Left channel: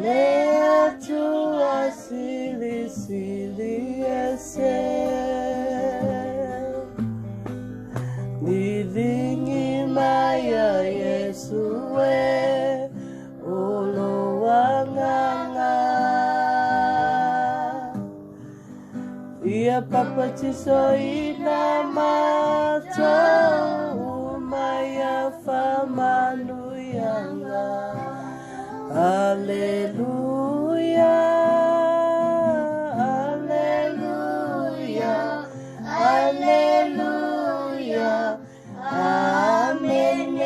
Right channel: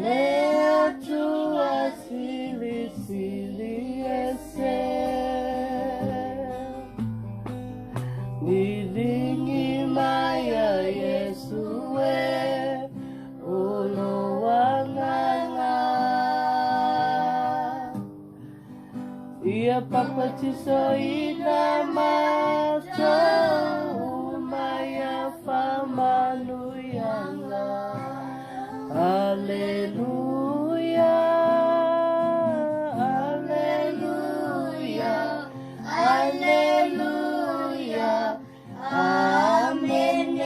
lea tua sili sili ese nilingi maya Yesu e ulo wanganga ia papatiso ina mato umaya famanuyanga Alleluia, Alleluia, Alleluia, Amen.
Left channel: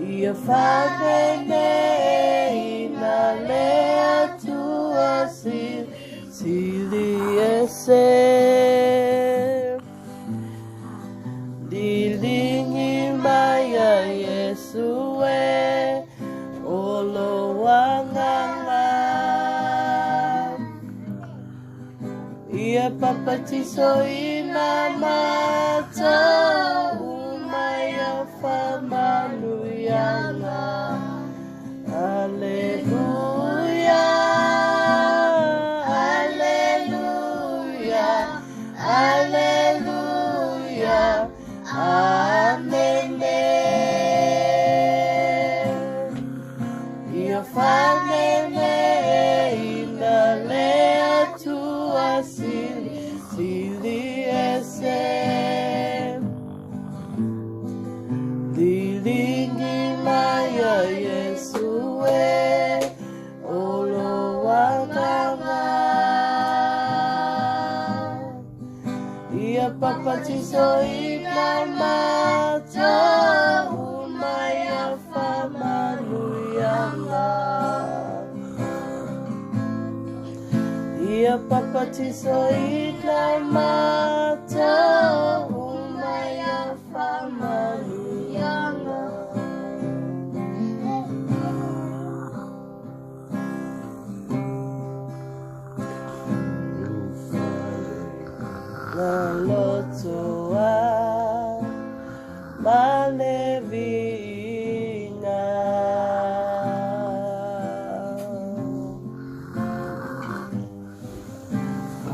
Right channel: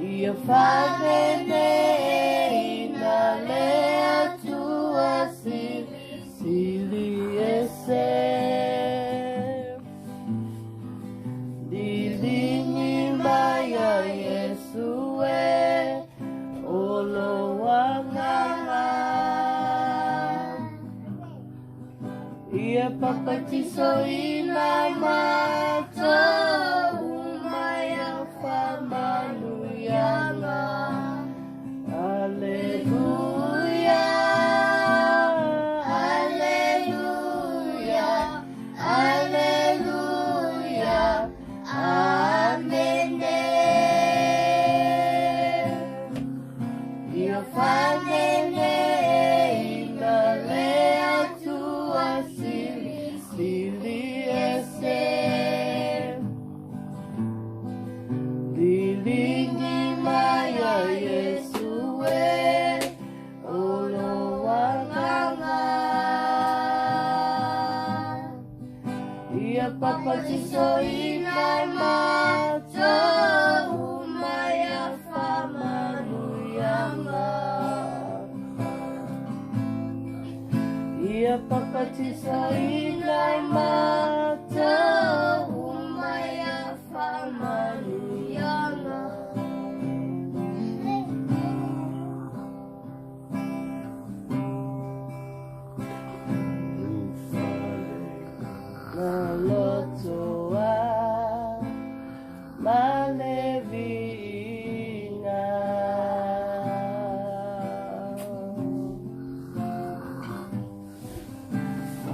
Ia fagene inalea tua sili ese dilingi maya Yesu e olo wanganga ia papatiso ina mata umaya famanuyanga Alleluia, Alleluia, Alleluia, Amen. Ia famene inalea tua sili ese dilingi maya Yesu e olo wanganga ia papatiso ina mata umaya famanuyanga ia papatiso ina mata umaya famanuyanga Lalotoa malevina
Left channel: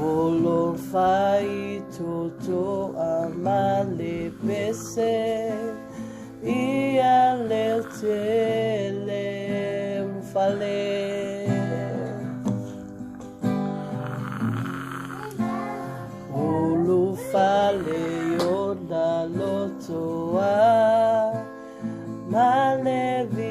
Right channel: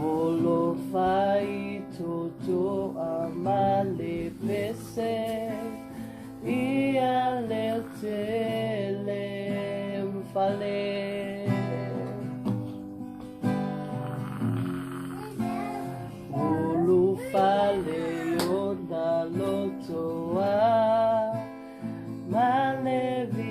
Olo fai toto amalepese ia leutele mfale Fale yona lotoa malevina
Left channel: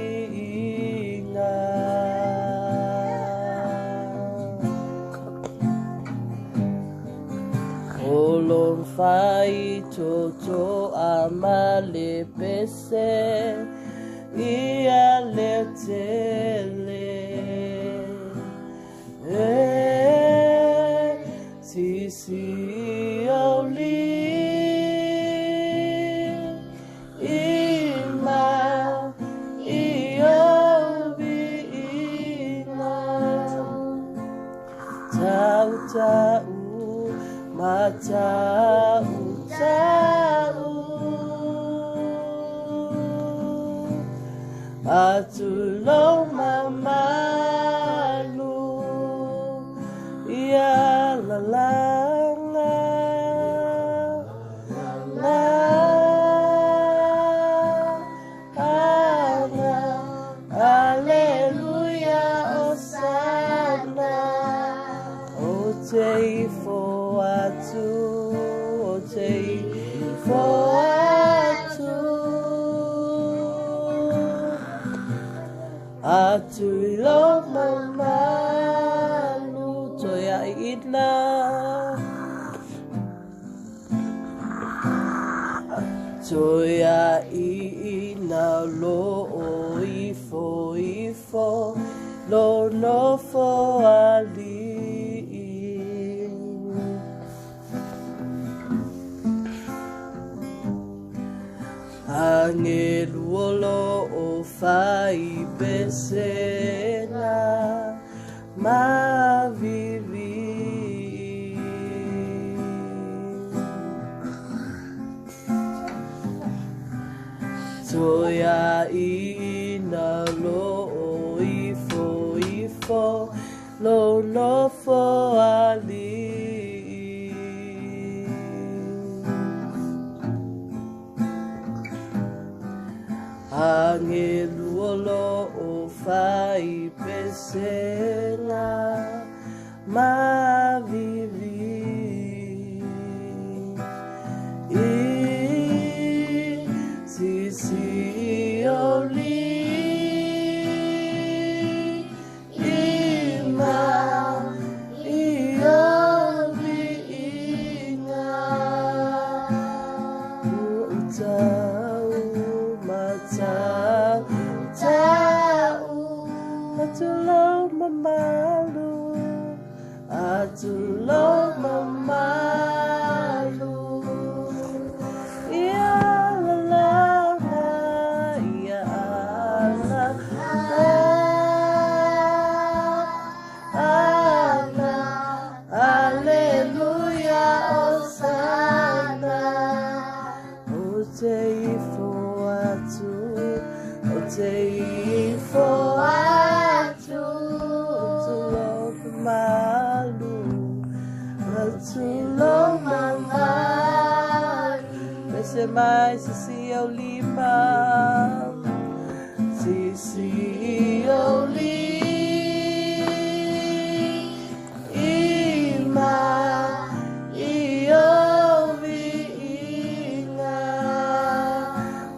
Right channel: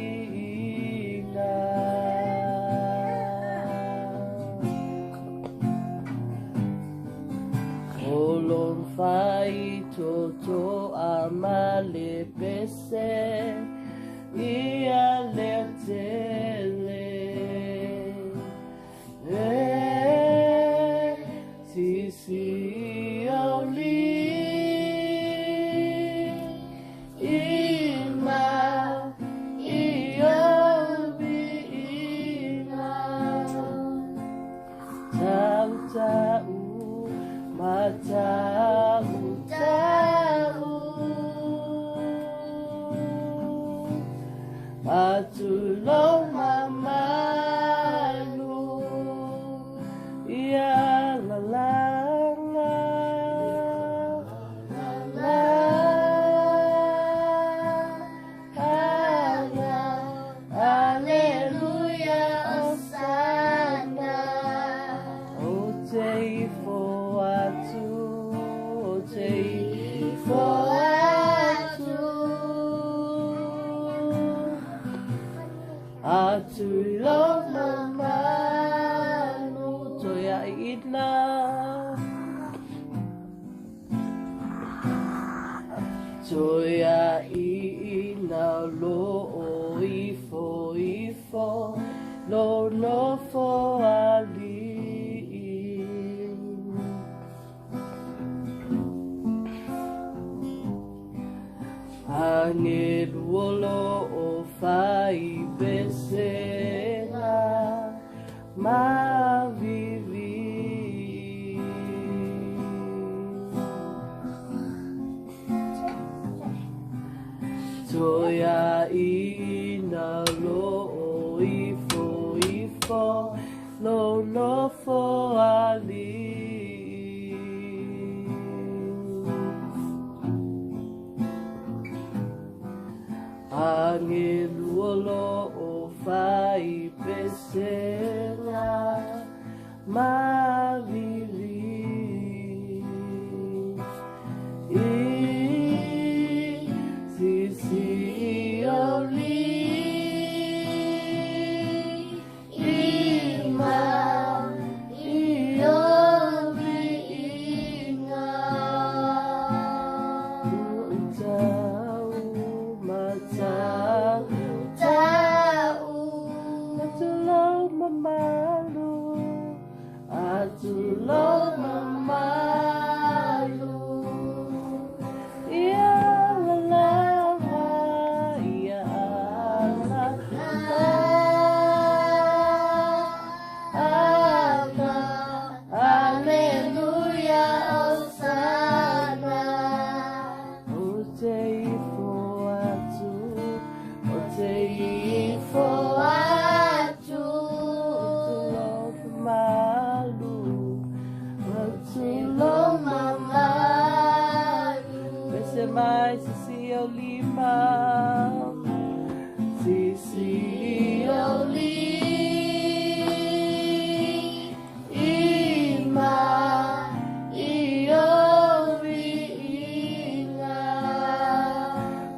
Olon fai toto amalepese ia letele Sisi tahu atulong mamalu ia lalanga Alleluia osana otei for atulong mamalu toya itna toya ina lo ifo lo no fo ali Angeluolo o fai besena ma vivi Toya in ina lo ifo ifo lo no fo ali Angeluolo o fai pesena mavili sisi oli ima ioli inga utau matau atulong mamalu atulong mamalu ia lalala ia ala aleluia osana o te ifo atu o te ifo atu atulong mamalu atulong mamalu Pese mai sisi o lima sisi o lima iovi inga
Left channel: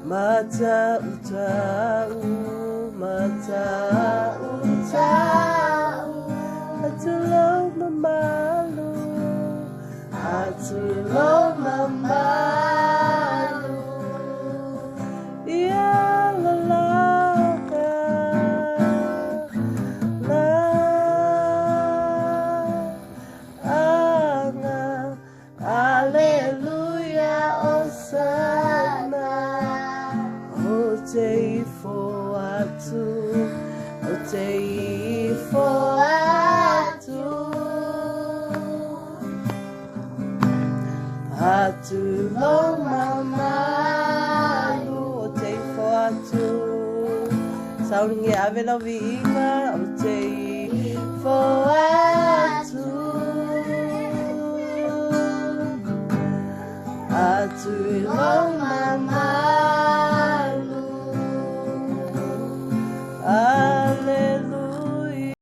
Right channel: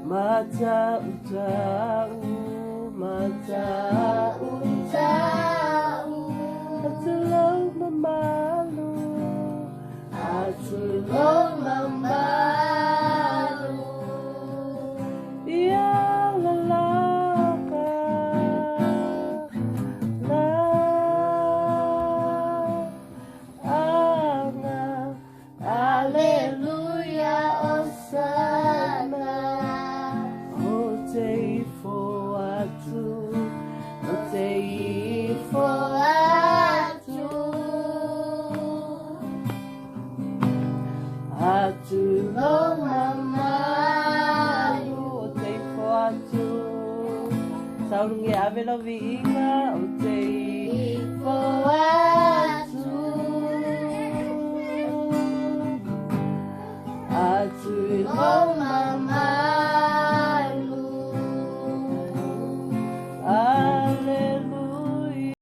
mata utau atulong mamalu atulong mamalu ia lalaka la ana aleluia osana o te ifo atu o te ifo atu atulong mamalu o te ifo atu sauringi ave la viinga o te ifo atu atulong mamalu